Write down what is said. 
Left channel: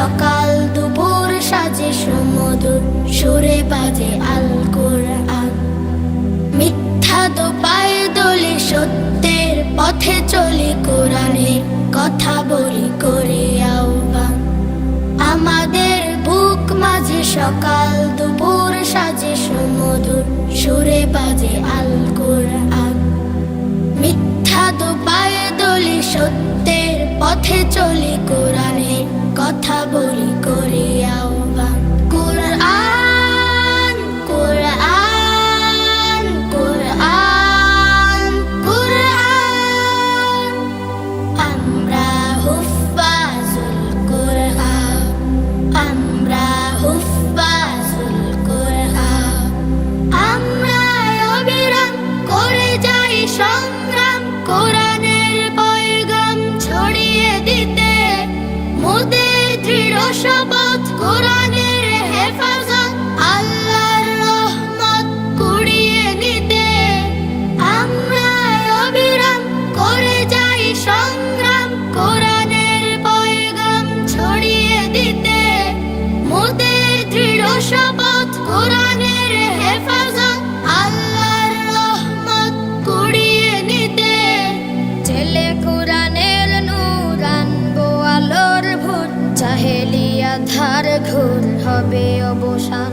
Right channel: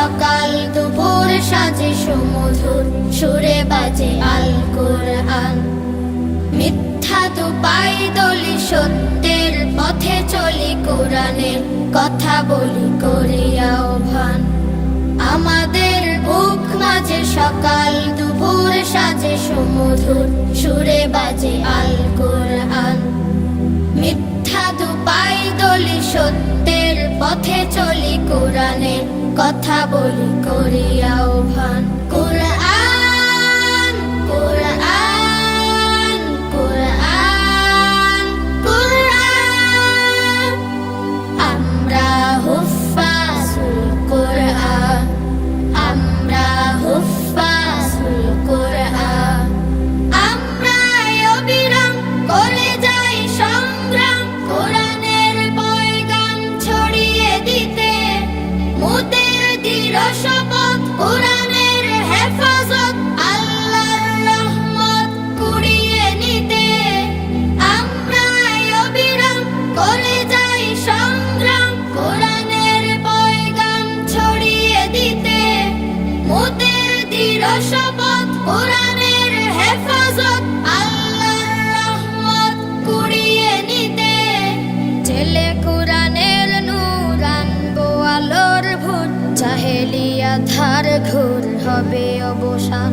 সকাল দুপুর সাজে সমুদুর, সুরে বাজে আল কোরআন। মিথ্যা তো পায়ে দলি সত্যের পথে চলি কোরআনে, কথা বলি করি আহ্বান। আমাদের বুক মাঝে সকাল দুপুর সাজে সমুদুর, সুরে বাজে আল কোরআন। মিথ্যা তো পায়ে দলি সত্যের পথে চলি কোরআনে চাহেলিয়া ধার ঘোর হবে অবসান।